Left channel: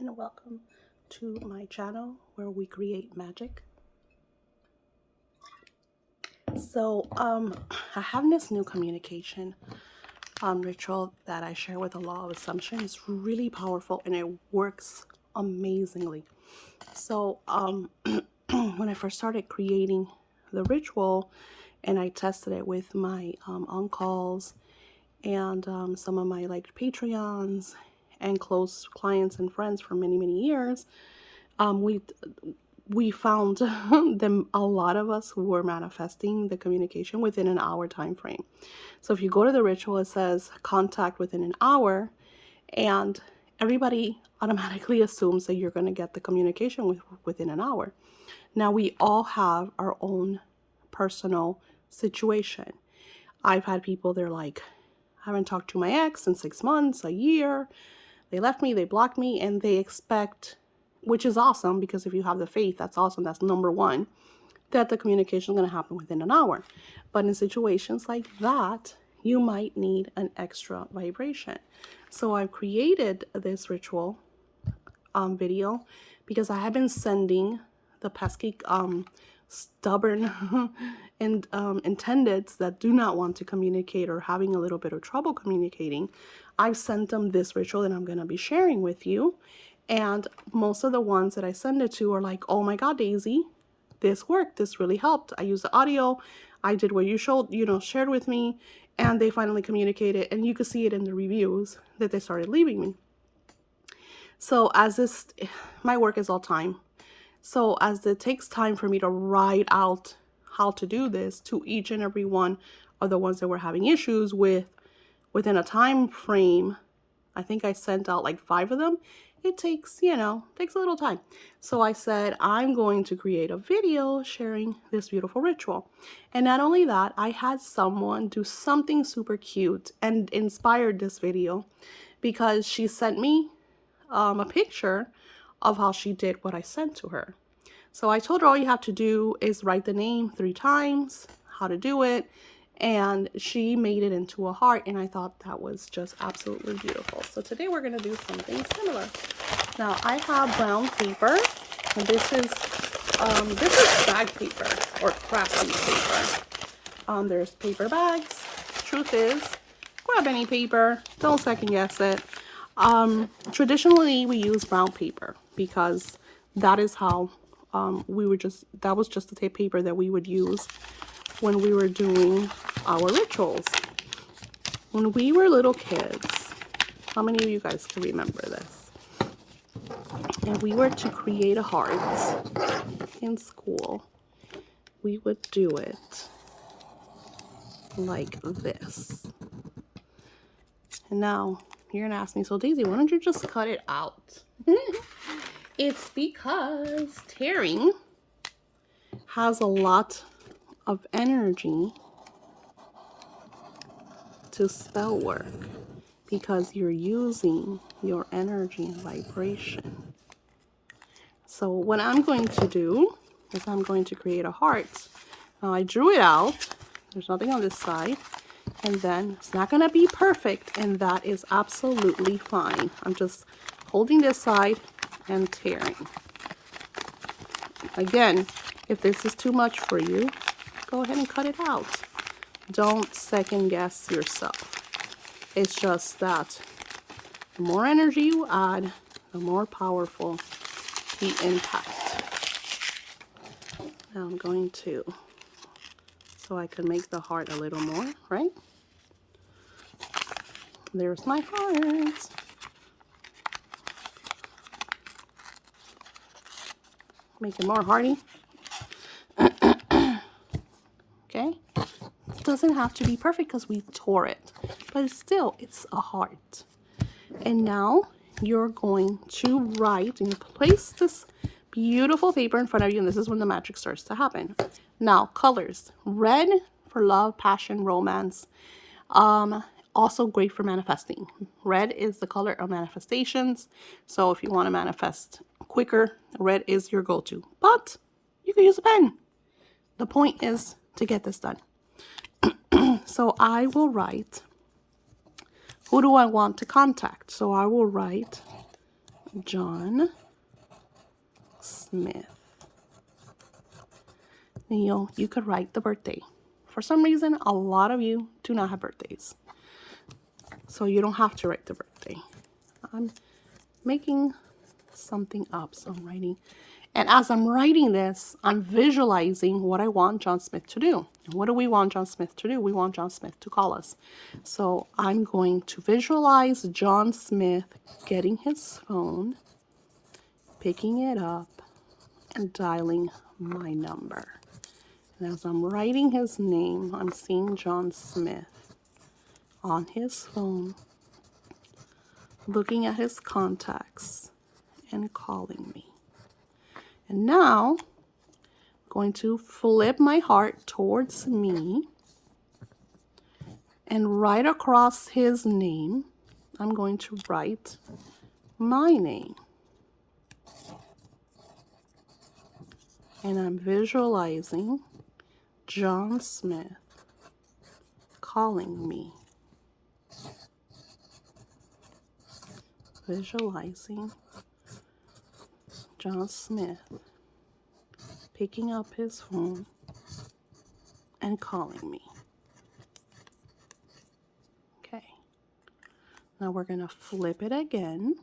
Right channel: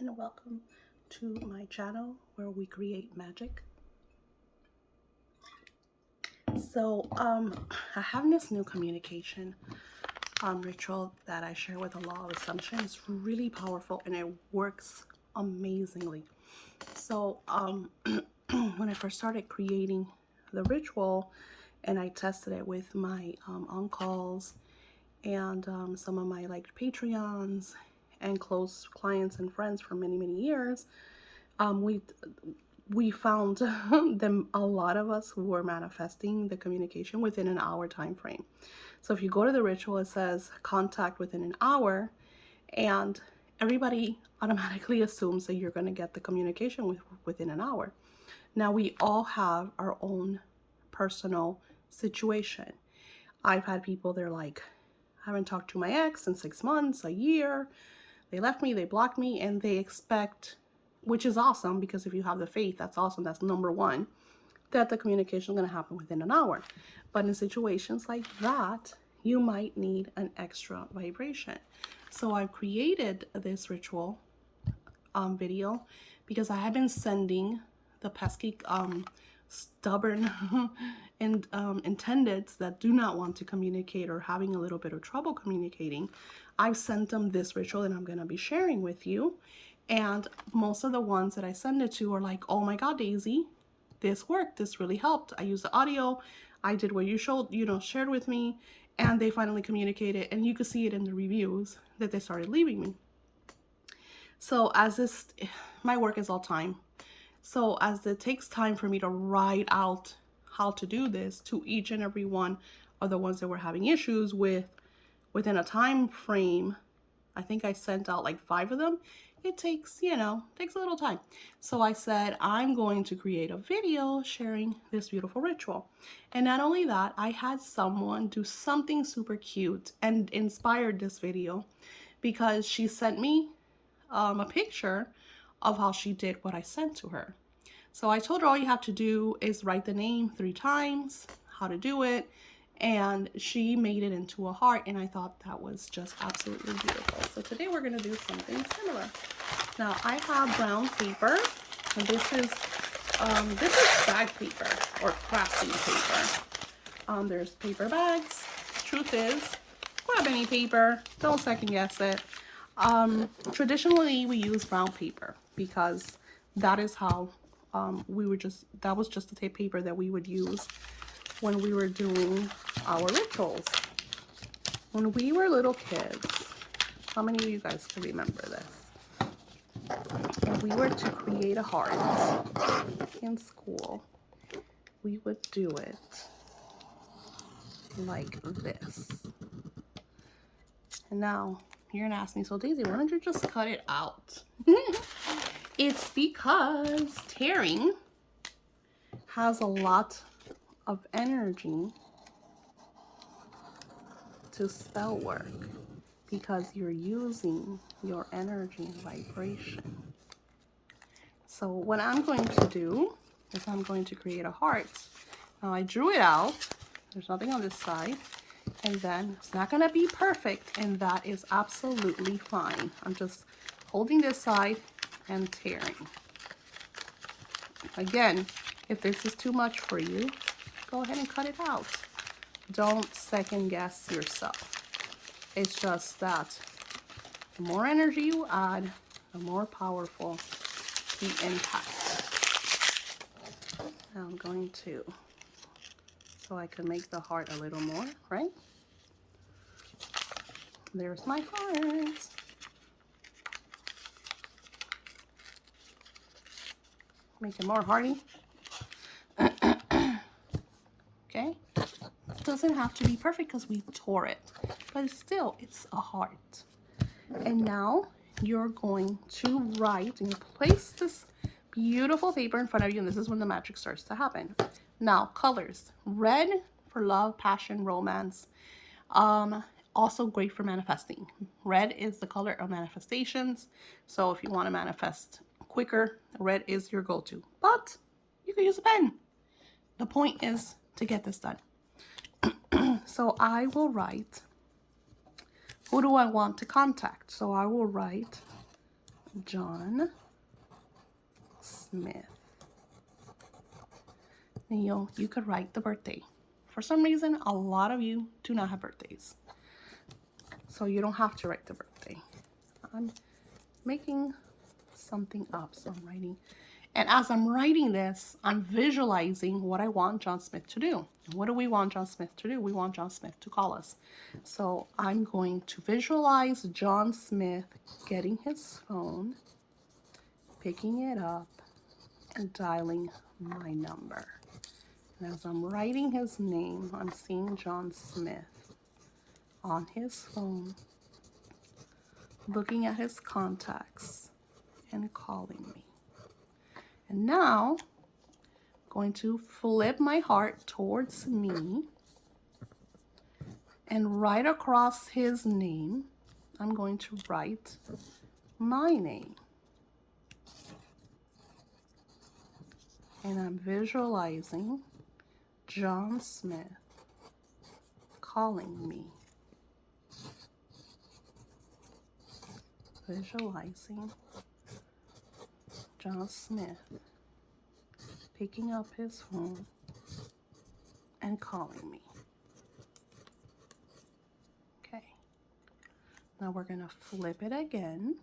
and welcome to my channel where we create magic. So I have this new communication ritual that I share with the law of assumption. It's really powerful and it works amazingly. So when I first started creating the ritual and I tested it with my uncles and some of my Patreons and close clients and friends for many years, we found them, a lot of us who were manifesting the communication within an hour time frame. So if you go to the ritual, it says contact within an hour, and everybody automatically assumes that you're going to get the communication within an hour. Now we all have our own personal situation. I've had people, they're like, I haven't talked to my ex in 6 months, a year. They left me, they blocked me, and they expect, which is awesome, because if you have the faith, that's awesome. That's number one, that the communication is going to happen within an hour. But in situations like that, you might need an extra vibration. So I've created this ritual video because I have been sending the pesky, stubborn and intendeds that do not want to communicate or having a little bit of trouble communicating. I've sent them this ritual that I'm going to be sharing with you. And most of the ones that I send it to are like, oh my God, Daisy, this worked. This really helped. I used the audio. I did what you shared with me. And they finally communicated. And you could see it in the reviews that they started leaving me. So my work is all time. So as it takes time for me to write out how to do this to each and every one of the ones that were having issues within a time frame, I think I sent out like 5 of them. It takes a little time. So I said, I'm going to create a video sharing this beautiful ritual. And not only that, I had someone do something super cute and inspired this video because she sent me a picture of how she did what I sent to her. So I told her all you have to do is write the name 3 times, how to do it, and she made it into a heart, and I thought that was just absolutely beautiful. So today we're going to do something similar. Now I have brown paper, and this is bag paper or crafting paper. There's paper bags. Truth is, grab any paper, don't second guess it. Traditionally we use brown paper because that is how that was just the paper that we would use when we were doing our rituals. When we were little kids, how many of you guys can remember this? And we were to create a heart in school, we would do it like this. And now you're gonna ask me, so Daisy, why don't you just cut it out? It's because tearing has a lot of energy to spell work because you're using your energy and vibration. So what I'm going to do is I'm going to create a heart. Now I drew it out. There's nothing on this side. And then it's not going to be perfect, and that is absolutely fine. I'm just holding this side and tearing. Again, if this is too much for you, go ahead and cut it out. Don't second guess yourself. It's just that the more energy you add, the more powerful the impact. Now I'm going to, so I can make the heart a little more, right? There's my heart. Make it more hearty. Okay? It doesn't have to be perfect because we tore it, but it's a heart. And now you're going to write, and you place this beautiful paper in front of you, and this is when the magic starts to happen. Now, colors. Red for love, passion, romance. Also great for manifesting. Red is the color of manifestations. So if you want to manifest quicker, red is your go-to. But you can use a pen. The point is to get this done. So I will write, who do I want to contact? So I will write John Smith. And you could write the birthday. For some reason, a lot of you do not have birthdays. So you don't have to write the birthday. I'm making something up, so I'm writing. And as I'm writing this, I'm visualizing what I want John Smith to do. What do we want John Smith to do? We want John Smith to call us. So I'm going to visualize John Smith getting his phone, picking it up, and dialing my number. And as I'm writing his name, I'm seeing John Smith on his phone, looking at his contacts and calling me. And now, I'm going to flip my heart towards me, and right across his name, I'm going to write my name. And I'm visualizing John Smith calling me. Visualizing John Smith picking up his phone and calling me. Okay. Now we're going to flip it again.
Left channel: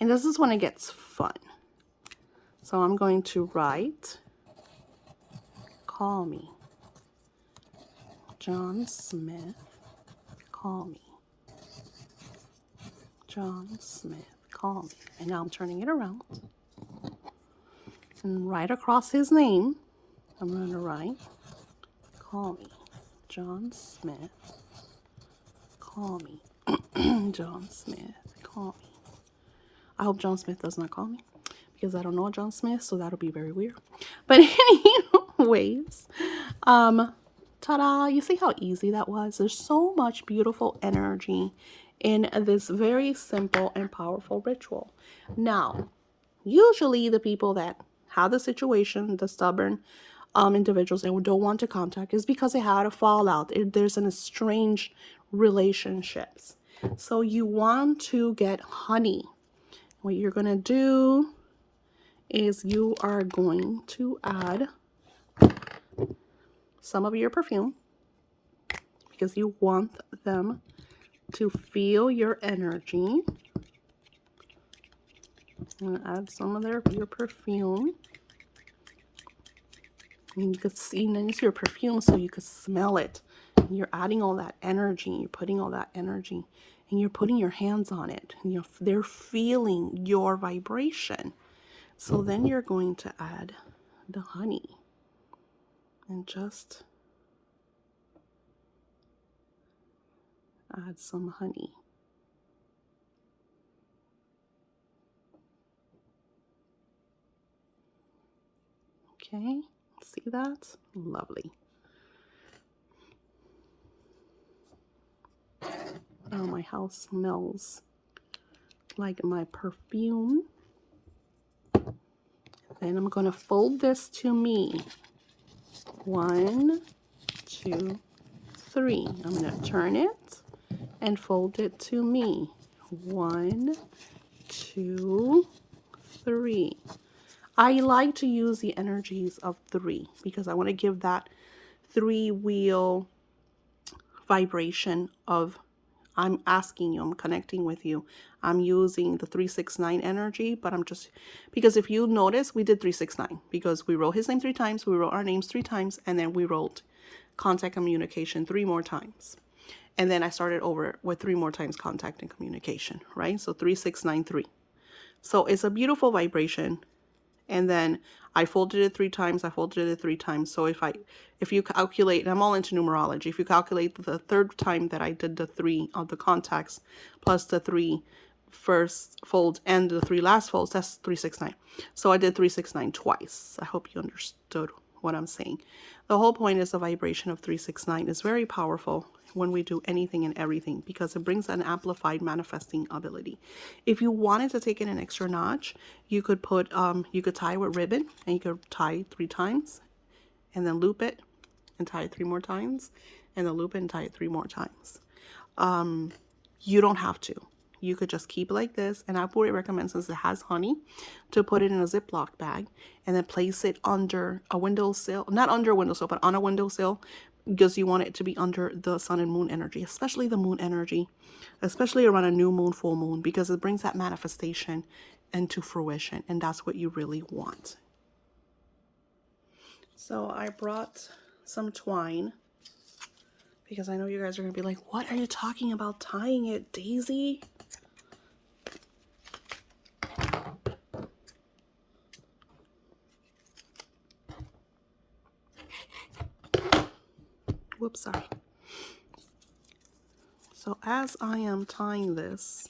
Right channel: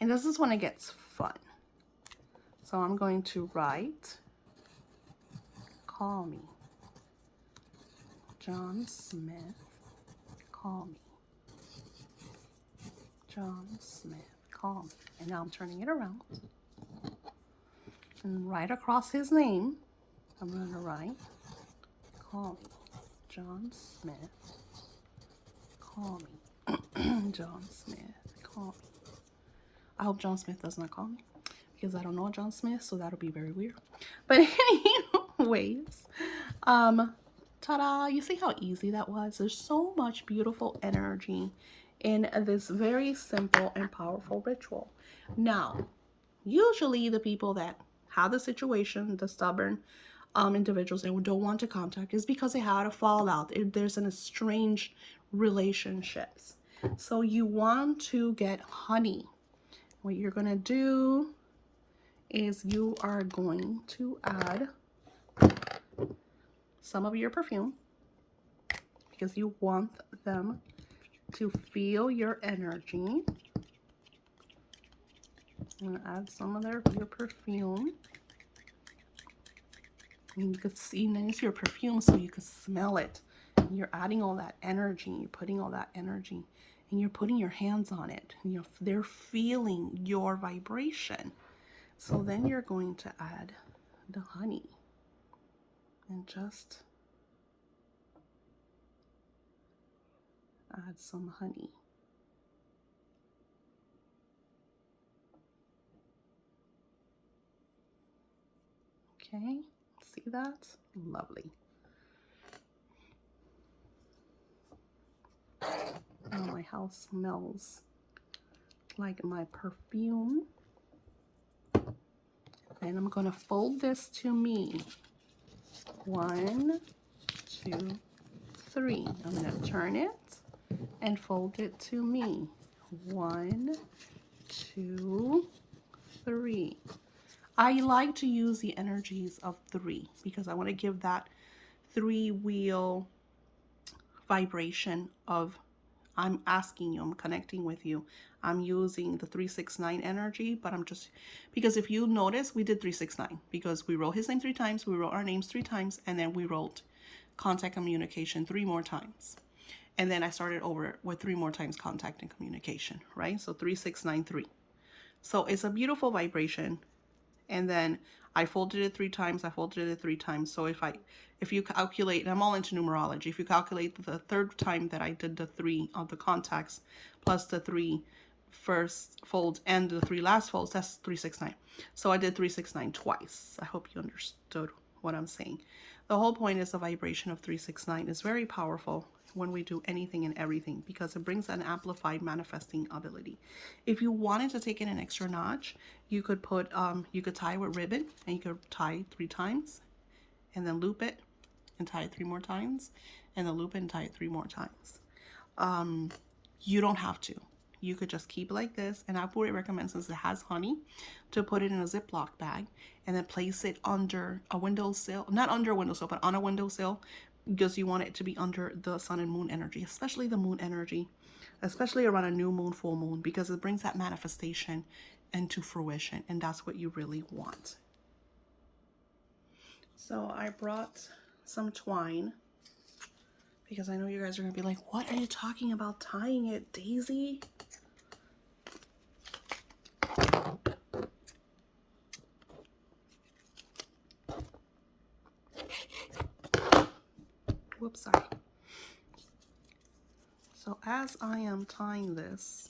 And this is when it gets fun. So I'm going to write, call me. John Smith, call me. John Smith, call me. And now I'm turning it around. And right across his name, I'm going to write, call me. John Smith, call me. John Smith, call me. I hope John Smith does not call me, because I don't know John Smith, so that'll be very weird. But anyways, ta-da, you see how easy that was? There's so much beautiful energy in this very simple and powerful ritual. Now, usually the people that have the situation, the stubborn individuals and don't want to contact, is because they had a fallout. There's an estranged relationships. So you want to get honey. What you're going to do is you are going to add some of your perfume, because you want them to feel your energy. And add some of your perfume. And you can see, and then it's your perfume, so you can smell it. And you're adding all that energy. You're putting all that energy, and you're putting your hands on it. And they're feeling your vibration. So then you're going to add the honey, and just add some honey. Okay, see that? Lovely. Oh, my house smells like my perfume. Then I'm going to fold this to me. 1, 2, 3. I'm going to turn it and fold it to me. 1, 2, 3. I like to use the energies of 3 because I want to give that 3-wheel vibration of I'm asking you, I'm connecting with you. I'm using the 369 energy, but I'm just, because if you notice, we did 369 because we wrote his name 3 times, we wrote our names 3 times, and then we wrote contact communication 3 more times. And then I started over with 3 more times contact and communication, right? So 3693. So it's a beautiful vibration. And then I folded it 3 times, I folded it 3 times. So if you calculate, and I'm all into numerology, if you calculate the 3rd time that I did the 3 of the contacts plus the 3 first folds and the 3 last folds, that's 369. So I did 369 twice. I hope you understood what I'm saying. The whole point is the vibration of 369 is very powerful when we do anything and everything, because it brings an amplified manifesting ability. If you wanted to take it an extra notch, you could put you could tie with ribbon, and you could tie 3 times and then loop it and tie it 3 more times and then loop it and tie it 3 more times. You don't have to. you could just keep it like this. And I would recommend, since it has honey, to put it in a Ziploc bag and then place it under a windowsill, not under a windowsill, but on a windowsill, because you want it to be under the sun and moon energy, especially the moon energy, especially around a new moon, full moon, because it brings that manifestation into fruition, and that's what you really want. So I brought some twine, because I know you guys are going to be like, what are you talking about tying it, Daisy? Whoops, sorry. So as I am tying this,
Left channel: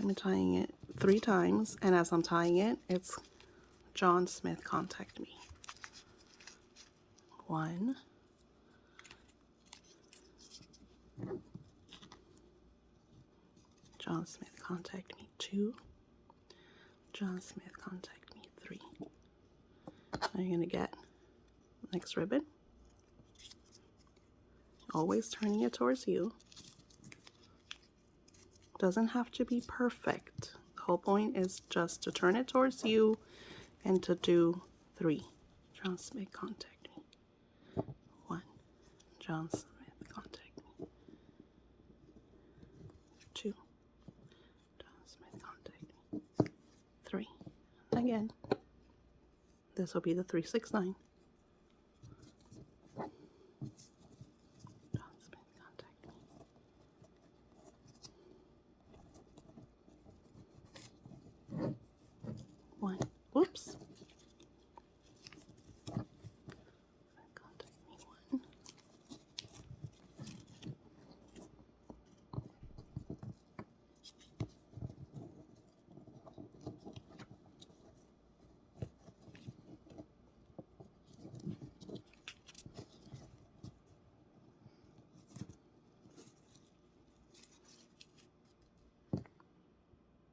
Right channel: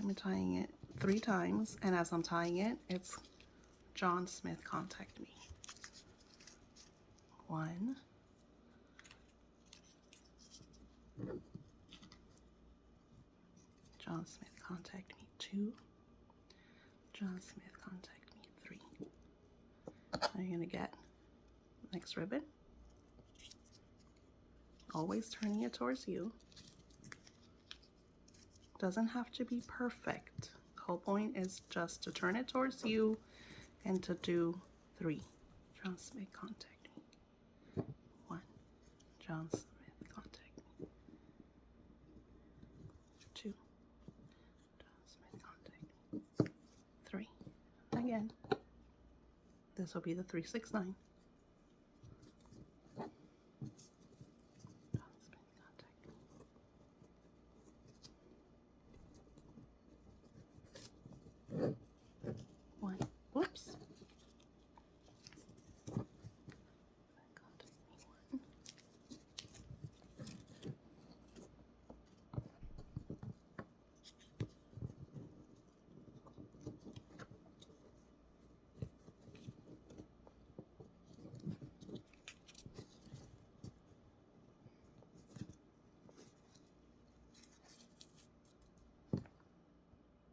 I'm tying it 3 times, and as I'm tying it, it's John Smith, contact me. 1. John Smith, contact me. 2. John Smith, contact me. 3. Now you're going to get next ribbon. Always turning it towards you. Doesn't have to be perfect. The whole point is just to turn it towards you and to do 3. John Smith, contact me. 1. John Smith, contact me. 2. John Smith, contact me. 3. Again. This will be the 369. One. Whoops. Contact me. 1.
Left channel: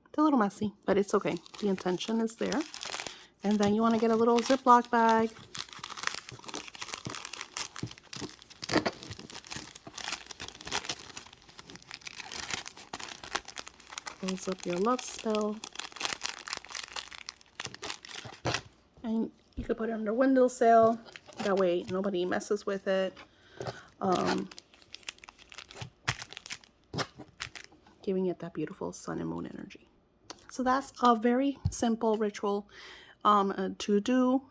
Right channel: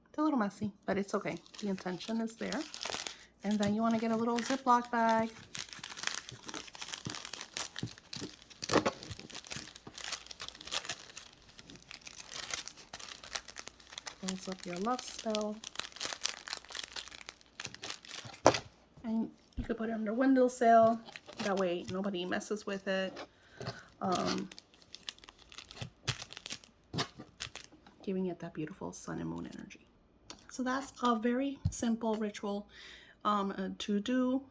It's a little messy, but it's okay. The intention is there. And then you want to get a little Ziploc bag. Close up your love spell. And you could put it under a windowsill. That way nobody messes with it. Giving it that beautiful sun and moon energy. So that's a very simple ritual to do.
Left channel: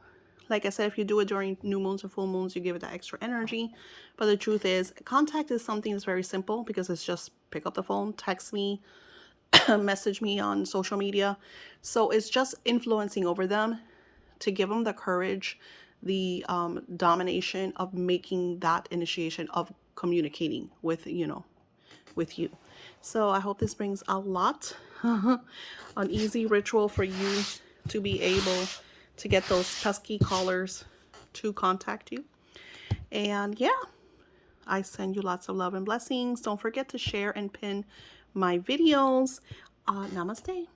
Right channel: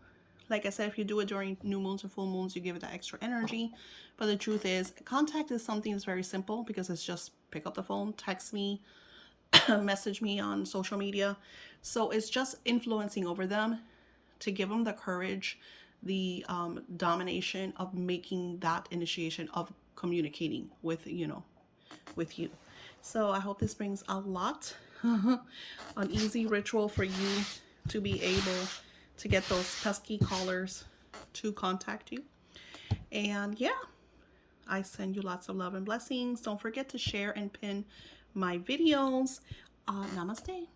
Like I said, if you do it during new moons or full moons, you give it that extra energy. But the truth is, contact is something that's very simple, because it's just pick up the phone, text me, message me on social media. So it's just influencing over them to give them the courage, the domination of making that initiation of communicating with, with you. So I hope this brings a lot, an easy ritual for you to be able to get those pesky callers to contact you. And yeah, I send you lots of love and blessings. Don't forget to share and pin my videos. Namaste.